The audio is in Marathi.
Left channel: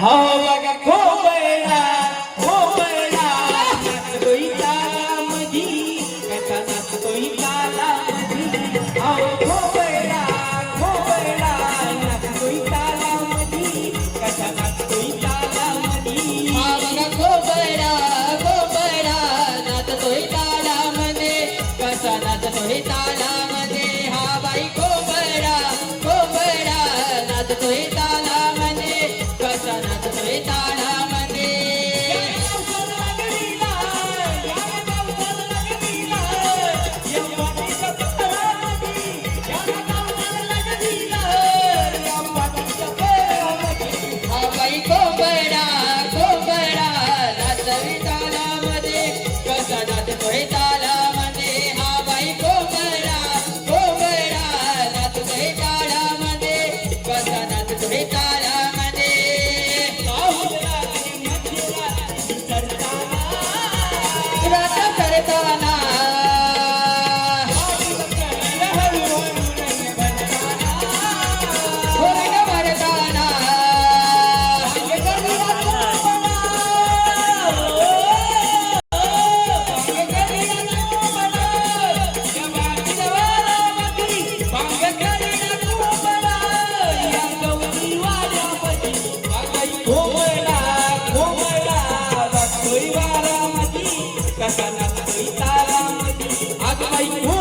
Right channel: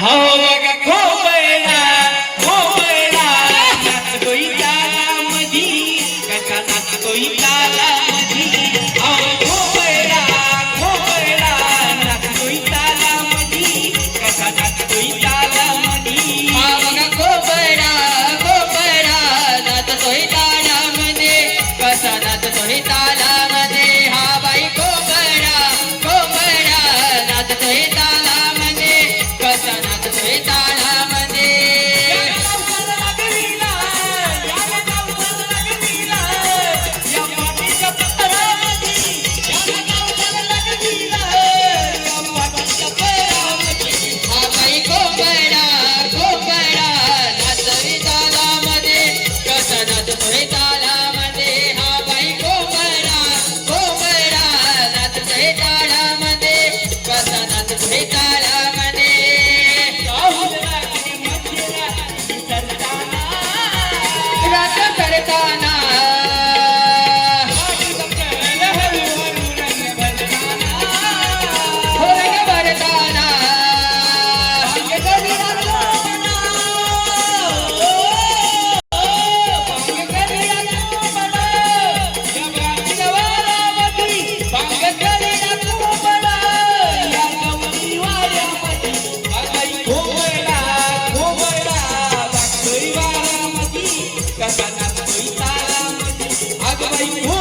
कोयला नाच कोई तारा मधी कसा नाच कोई तारा Yeah. Thank you.